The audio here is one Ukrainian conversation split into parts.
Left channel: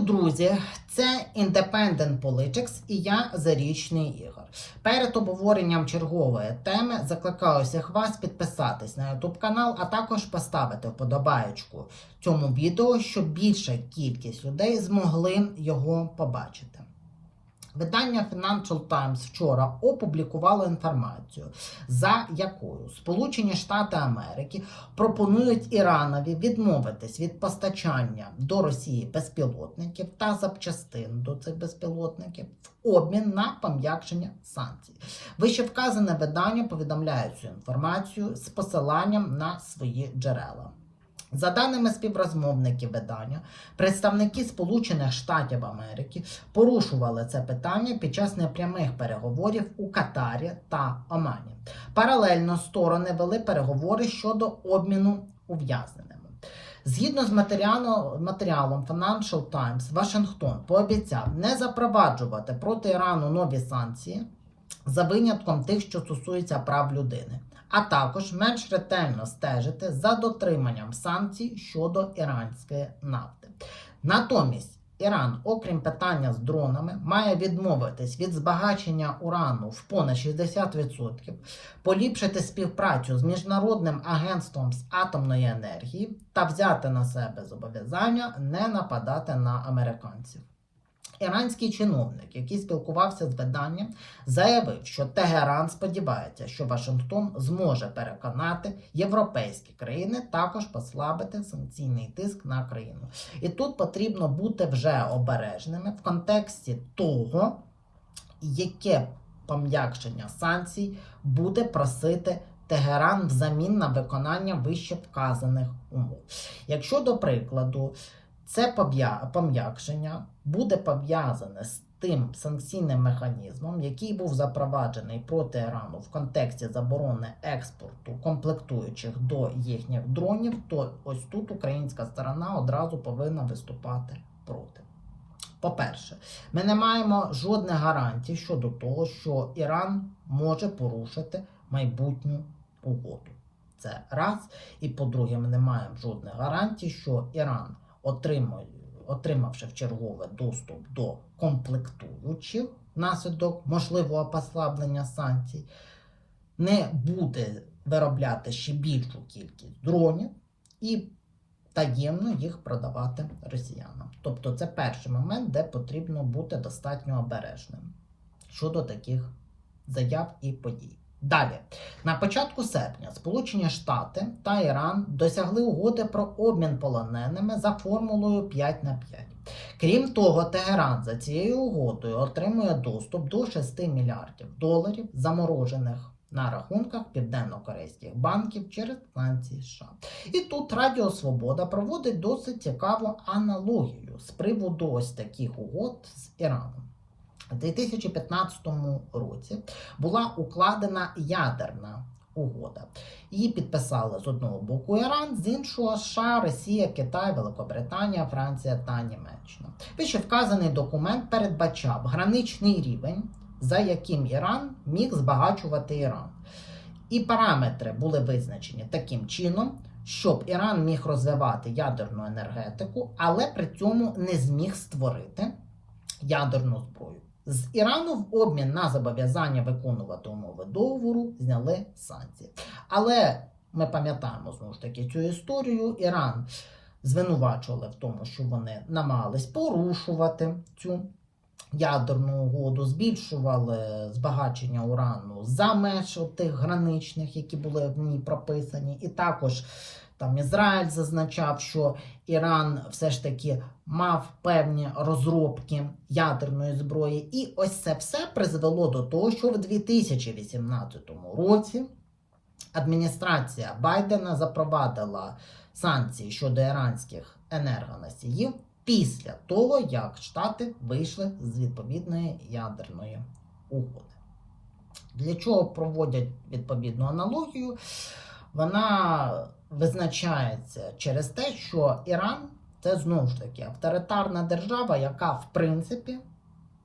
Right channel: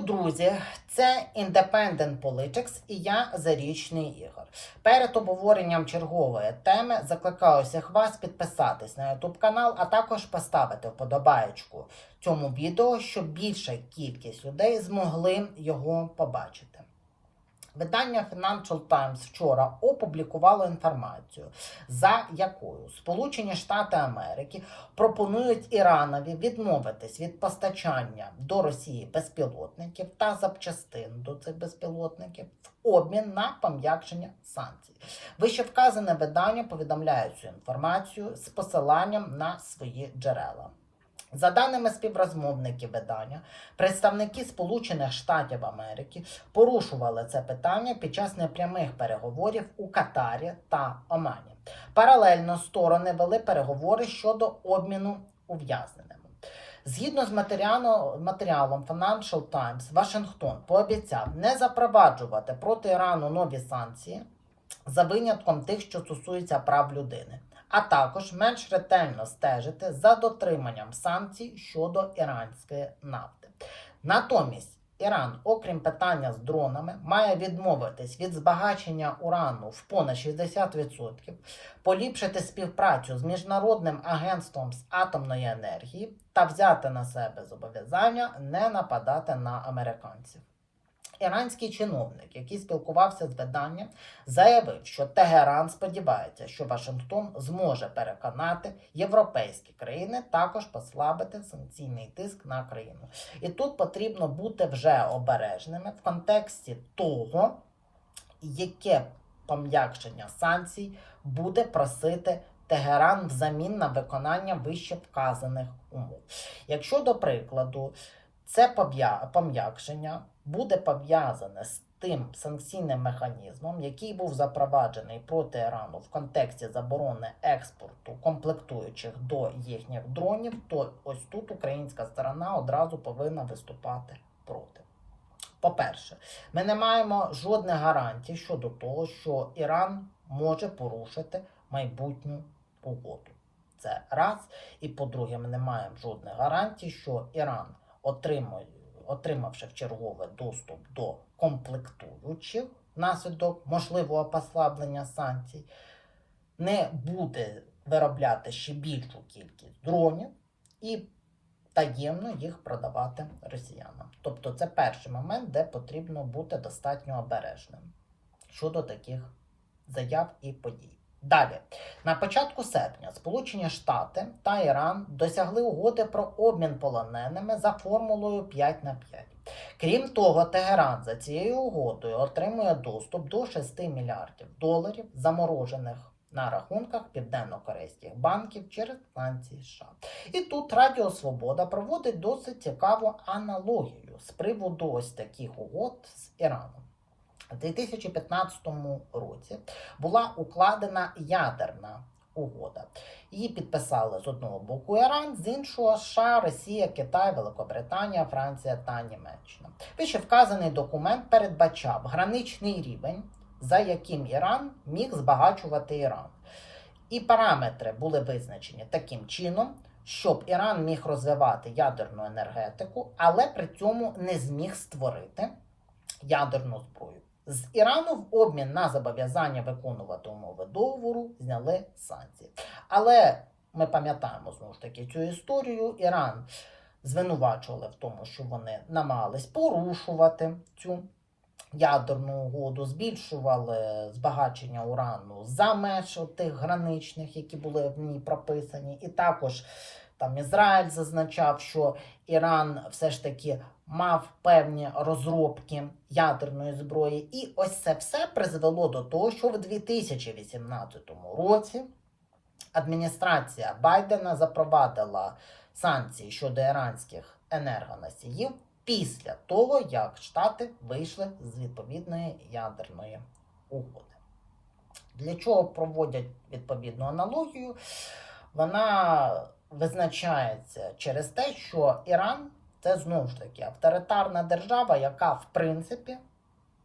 Друзі! Це Independent Politics і я Зарічний Ігор. Перед обговоренням чергової теми закликаю всіх вас підписатись на YouTube канал, а також поставити вподобаєчку цьому відео, щоб більша кількість людей змогли його побачити. Видання Financial Times вчора опублікувало інформацію, за якою Сполучені Штати Америки пропонують Іранові відмовитись від постачання до Росії безпілотників та запчастин до цих безпілотників в обмін на пом'якшення санкцій. Вищевказане видання повідомляє цю інформацію з посиланням на свої джерела. За даними співрозмовників видання, представники Сполучених Штатів Америки порушували це питання під час непрямих переговорів у Катарі та Омані. Паралельно сторони вели переговори щодо обміну ув'язненими. Згідно з матеріалом, Financial Times, Вашингтон пообіцяв не запроваджувати проти Ірану нові санкції за винятком тих, що стосуються прав людини, а також менш ретельно стежити за дотриманням санкцій щодо іранської нафти. Натомість Іран, окрім питання з дронами, має відмовитись від збагачення урану в понад 60%, поліпшити співпрацю з міжнародним агентством з атомної енергії та взяти на себе зобов'язання не нападати на американців. Іранський чиновник, який спілкувався з виданням, заявив, що Тегеран сподівається, що Вашингтон зможе переконати європейські країни також послабити санкційний тиск на країну. І тут потрібно бути вже обережними в контексті того, яке пом'якшення санкцій буде просити Тегеран взамін на виконання вище вказаних умов. Якщо, до прикладу, це пом'якшення буде пов'язане з тим санкційним механізмом, який був запроваджений проти Ірану в контексті заборони експорту комплектуючих до їхніх дронів, то ось тут українська сторона одразу повинна виступати проти. По-перше, ми не маємо жодних гарантій щодо того, що Іран може порушити майбутню угоду. Це раз. І по-друге, ми не маємо жодних гарантій, що Іран отримавши в чергове доступ до комплектуючих внаслідок можливого послаблення санкцій, не буде виробляти ще більшу кількість дронів і таємно їх продавати росіянам. Тобто це перший момент, де потрібно бути достатньо обережним щодо таких заяв і подій. Далі, на початку серпня Сполучені Штати та Іран досягли угоди про обмін полоненими за формулою 5 на 5. Крім того, Тегеран за цією угодою отримує доступ до 6 мільярдів доларів, заморожених на рахунках південно-корейських банків через санкції США. І тут Радіо Свобода проводить досить цікаву аналогію з приводу ось таких угод з Іраном. У 2015 році була укладена ядерна угода. Її підписали з одного боку Іран, з іншого США, Росія, Китай, Великобританія, Франція та Німеччина. Вище вказаний документ передбачав граничний рівень, за яким Іран міг збагачувати Іран. І параметри були визначені таким чином, щоб Іран міг розвивати ядерну енергетику, але при цьому не зміг створити ядерну зброю. З Ірану в обмін на зобов'язання виконувати умови договору зняли санкції. Але ми пам'ятаємо знову ж таки цю історію. Іран звинувачували в тому, що вони намагались порушувати цю ядерну угоду, збільшували збагачення урану за меж тих граничних, які були в ній прописані, і також. Там Ізраїль зазначав, що Іран все ж таки мав певні розробки ядерної зброї. І ось це все призвело до того, що в 2018 році адміністрація Байдена запровадила санкції щодо іранських енергоносіїв після того, як Штати вийшли з відповідної ядерної угоди. Для чого проводять відповідну аналогію? Вона визначається через те, що Іран це знову ж таки авторитарна держава, яка в принципі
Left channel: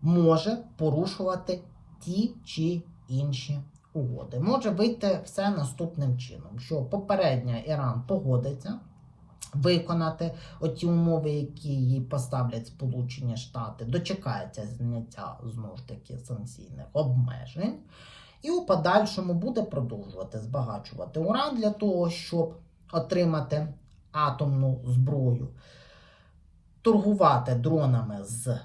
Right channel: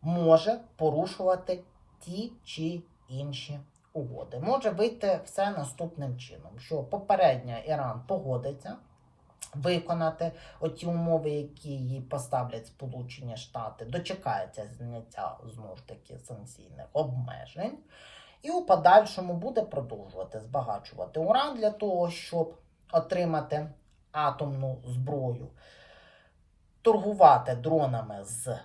може порушувати ті чи інші угоди. Може вийти все наступним чином: що попередньо Іран погодиться виконати оті умови, які їй поставлять Сполучені Штати, дочекається зняття знову ж таки санкційних обмежень, і у подальшому буде продовжувати збагачувати уран для того, щоб отримати атомну зброю, торгувати дронами з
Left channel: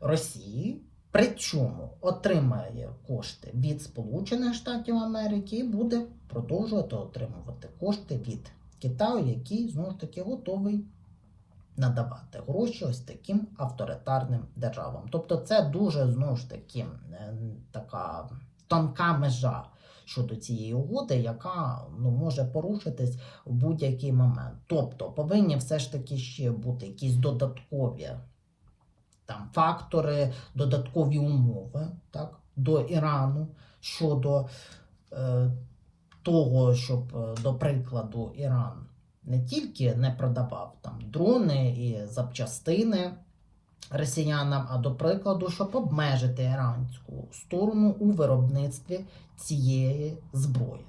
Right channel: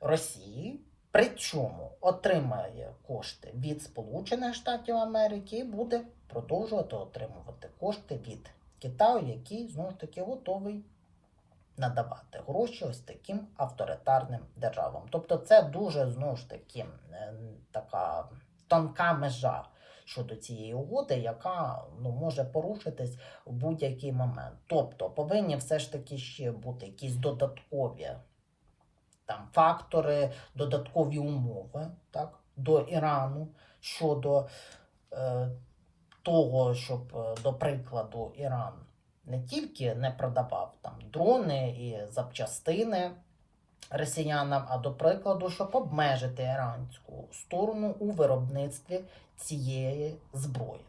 Росії. Причому отримає кошти від Сполучених Штатів Америки і буде продовжувати отримувати кошти від Китаю, який знову ж таки готовий надавати гроші ось таким авторитарним державам. Тобто, це дуже знову ж таки е, така тонка межа щодо цієї угоди, яка ну, може порушитись в будь-який момент. Тобто повинні все ж таки ще бути якісь додаткові там фактори, додаткові умови так, до Ірану щодо е, того, щоб, е, до прикладу, Іран не тільки не продавав там дрони і запчастини росіянам, а до прикладу, щоб обмежити іранську сторону у виробництві цієї зброї.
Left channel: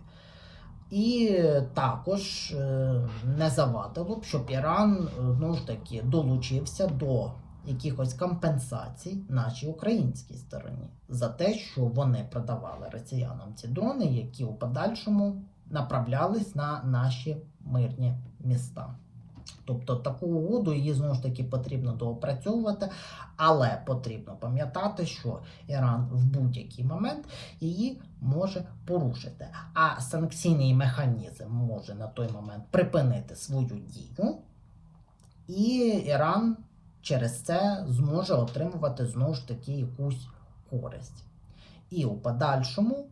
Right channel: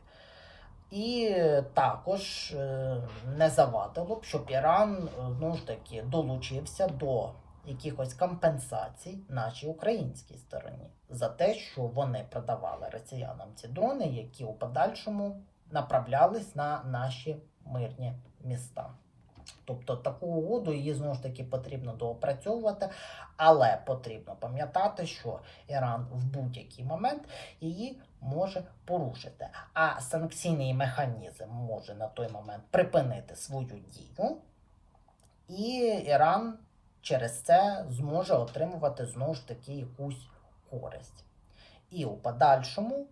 І також е, не завадило б, щоб Іран ну ж таки долучився до якихось компенсацій нашій українській стороні за те, що вони продавали росіянам ці дрони, які у подальшому направлялись на наші мирні міста. Тобто таку угоду її знову ж таки потрібно доопрацьовувати, але потрібно пам'ятати, що Іран в будь-який момент її може порушити. А санкційний механізм може на той момент припинити свою дію, і Іран через це зможе отримувати знову ж таки якусь користь. І у подальшому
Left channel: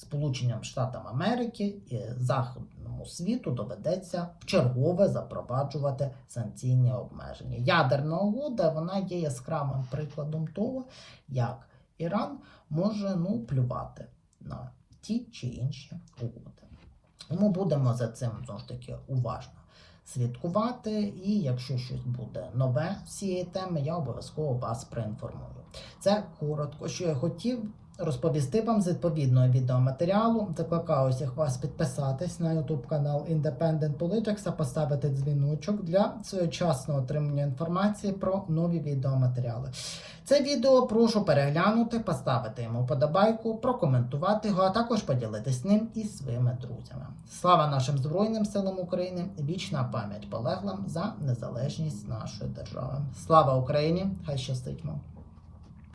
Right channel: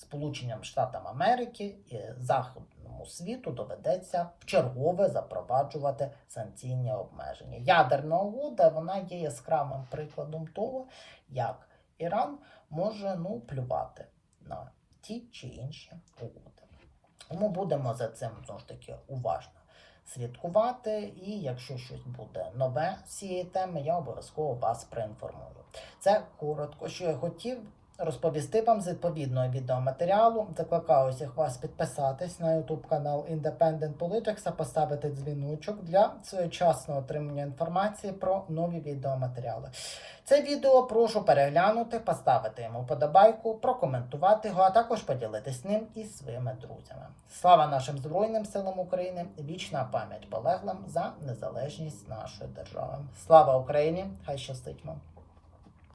Сполученням Штатам Америки і Західному світу доведеться вчергове запроваджувати санкційні обмеження. Ядерна угода вона є яскравим прикладом того, як Іран може ну, плювати на ті чи інші угоди. Тому будемо за цим знову ж таки уважно слідкувати. І якщо щось буде нове з цієї теми, я обов'язково вас проінформую. Це коротко, що я хотів розповісти вам з відповідного відеоматеріалу. Закликаю усіх вас підписатись на YouTube канал Independent Politics та поставити дзвіночок для своєчасного отримання інформації про нові відеоматеріали. Це відео прошу переглянути, поставити йому подобайку, прокоментувати його, а також поділитись ним із своїми друзями. Слава нашим Збройним силам України! Вічна пам'ять полеглим за незалежність нашої держави. Слава Україні! Хай щастить вам!